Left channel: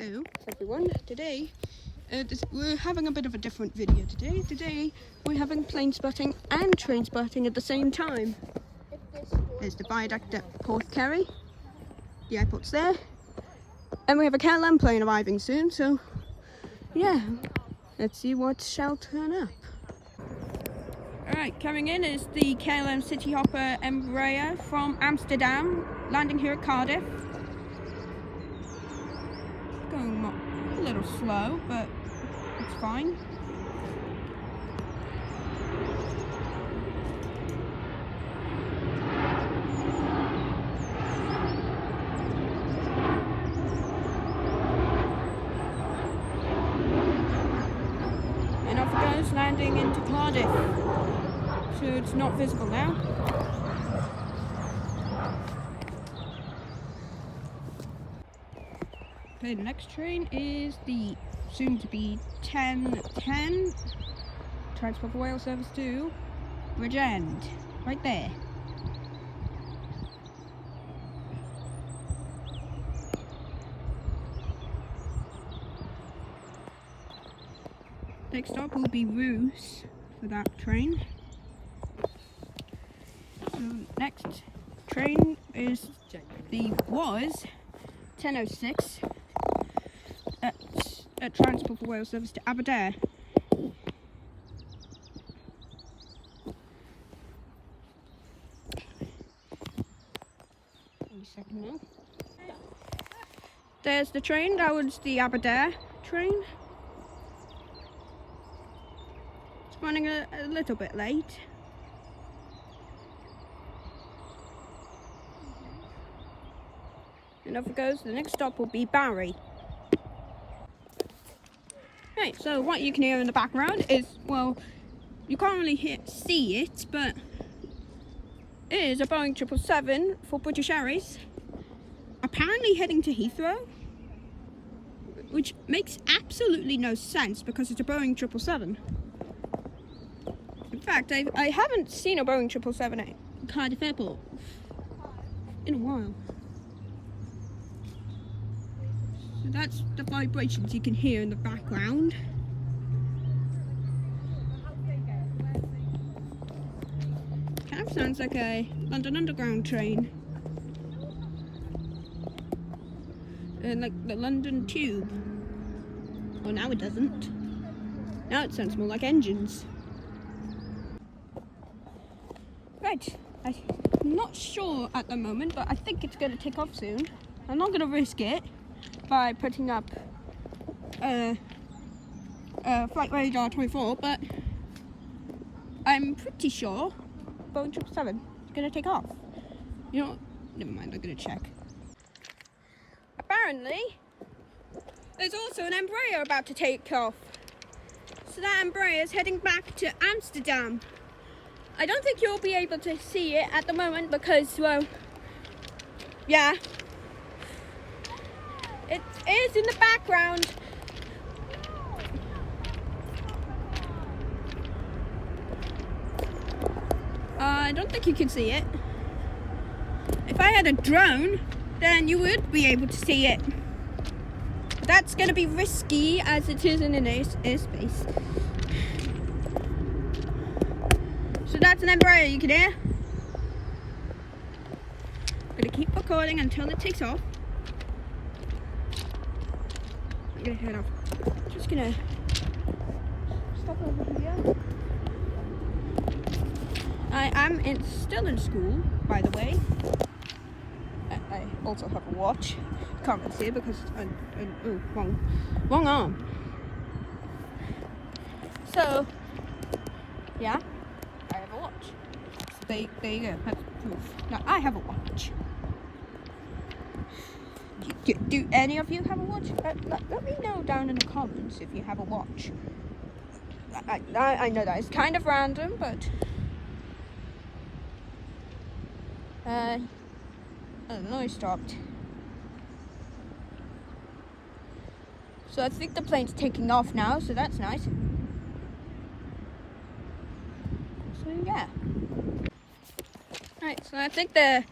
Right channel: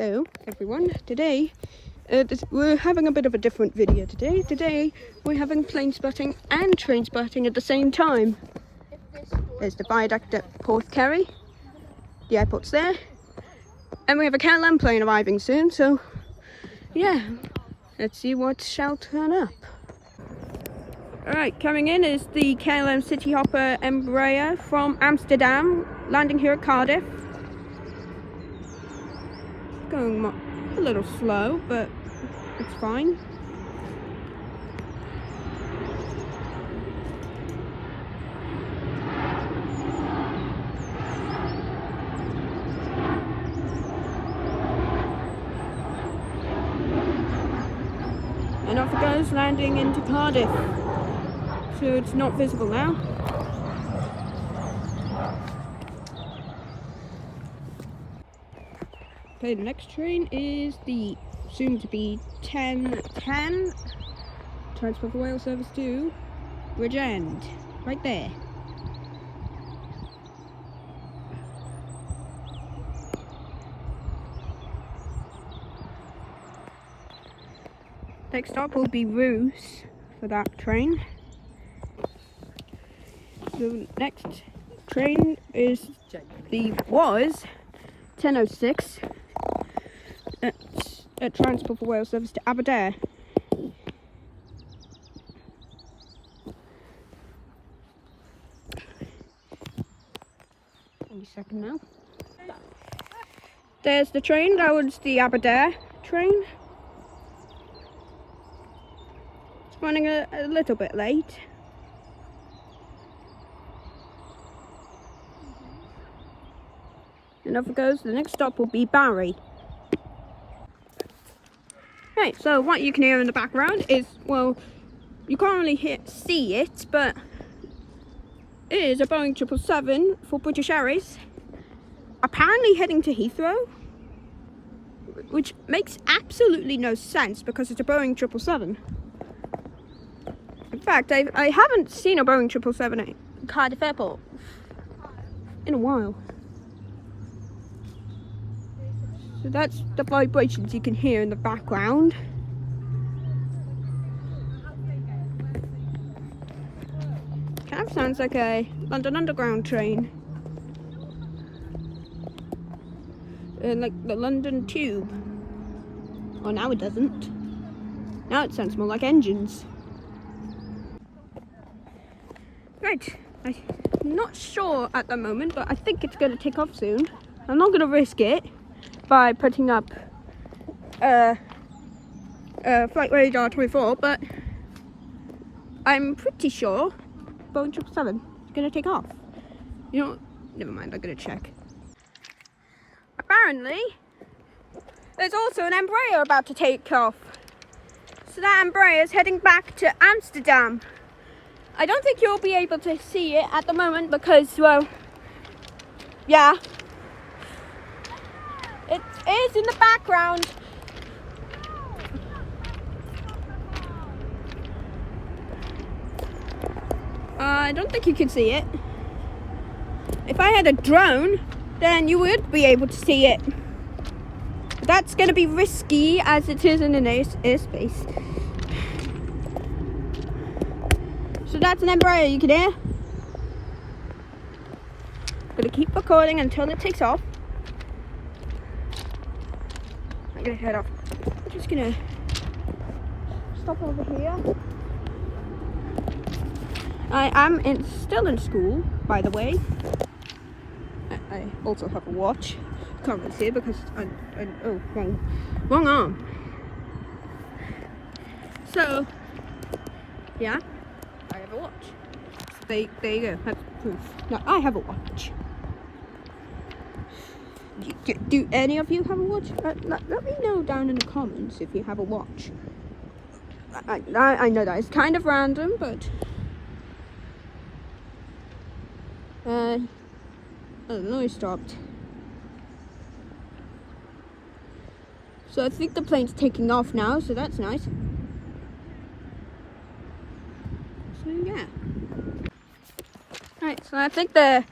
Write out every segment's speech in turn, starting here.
Hello everyone. Today we're having a bit of a different video today. Today we're having plane spotting and train spotting at the same time. There's the viaduct at Porthkerry. The airport's there. And we have a KLM plane arriving soon, so yeah, let's see what shall turn up. Alright, coming in is the KLM City Hopper Embraer from Amsterdam, landing here at Cardiff. Going a little slow, but it's fine. And off it goes, landing into Cardiff. So it's not visible now. Okay, the next train is the soon-to-be 1010 Transport for Wales service to Bridgend, right there. Next stop will be Roos for that train. The next train is was 1006 at Transport for Wales service to Aberdare. Give me a second now. There's the train. That was the Aberdare train. It's running a little bit late. And off it goes. The next stop will be Barry. Right, so what you can hear in the background is, well, you can't really see it, but it is a Boeing 777 for British Airways, apparently heading to Heathrow, which makes absolutely no sense because it's a Boeing 777. In fact, I haven't seen a Boeing 777 at Cardiff Airport in a while. So that's the vibrations you can hear in the background. Kind of sounds like a London Underground train. Like the London Tube. Oh, now it doesn't. Now it sounds more like engines. Right, I'm not sure at the moment, but I think it's going to kick off soon. I'm not going to risk it by putting up flight radar 24, but I'm pretty sure Boeing 777 is going to take off. You know, never mind, I'm going to check. Apparently, there's also an Embraer about to take off. So that Embraer is heading back to Amsterdam. I don't think you'll be able to see it at the moment because, well, yeah. It is in the background. I don't think you can see it. If I had a drone, then you would be able to see it. But that's going to be risky as it is in an airspace. So that's an Embraer you can hear. I'm going to keep recording until it takes off. I'm gonna head off. I'm just gonna stop over here. I am still in school, by the way. I also have a watch. Can't really see it because oh, wrong arm. So yeah, I have a watch. So there you go. That's proof. Now I have a watch. Do any of you have a watch? Let me know down in the comments if you have a watch. I know that it's kind of random, but oh, the noise stopped. So I think the plane's taking off now, so that's nice. So yeah. Right, so I think the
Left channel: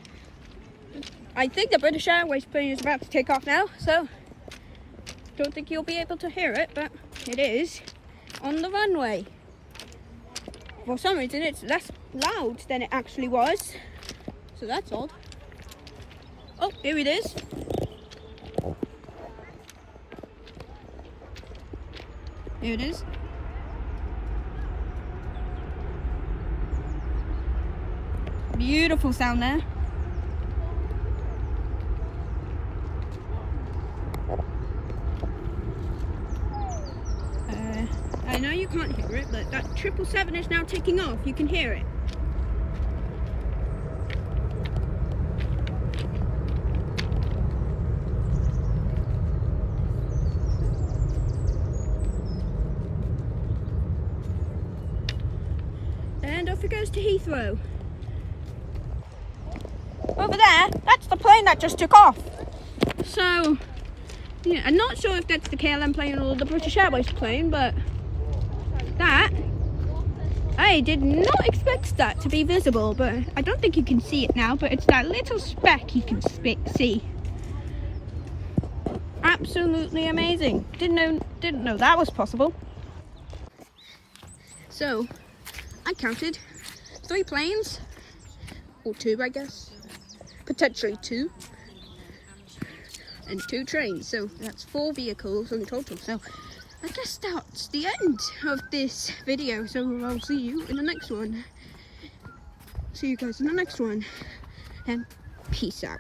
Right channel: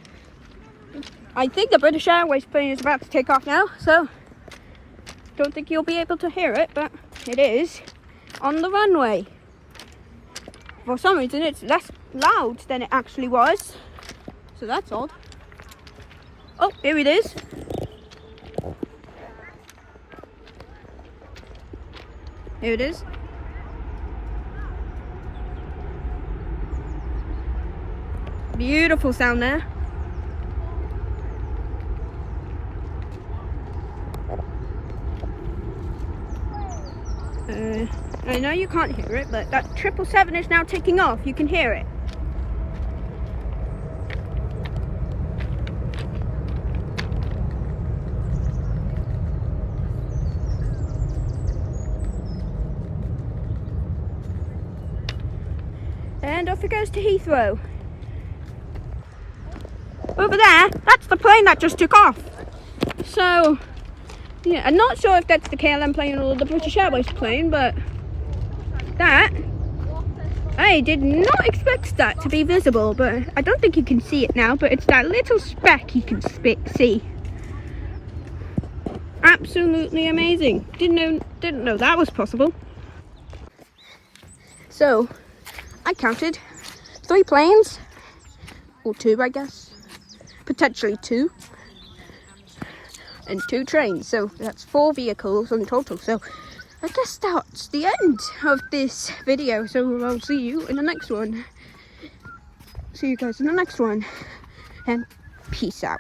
British Airways plane is about to take off now, so Don't think you'll be able to hear it, but it is on the runway. For some reason it's less loud than it actually was, so that's odd. Oh, here it is. Here it is. Beautiful sound there. I know you can't hear it, but that 777 is now taking off. You can hear it. And off it goes to Heathrow. Over there, that's the plane that just took off. So, yeah, I'm not sure if that's the KLM plane or the British Airways plane, but that, I did not expect that to be visible, but I don't think you can see it now, but it's that little speck you can see. Absolutely amazing. Didn't know that was possible. So, I counted 3 planes, or 2 I guess, potentially 2, and 2 trains, so that's 4 vehicles in total. So I guess that's the end of this video, so I'll see you in the next one. See you guys in the next one, and peace out.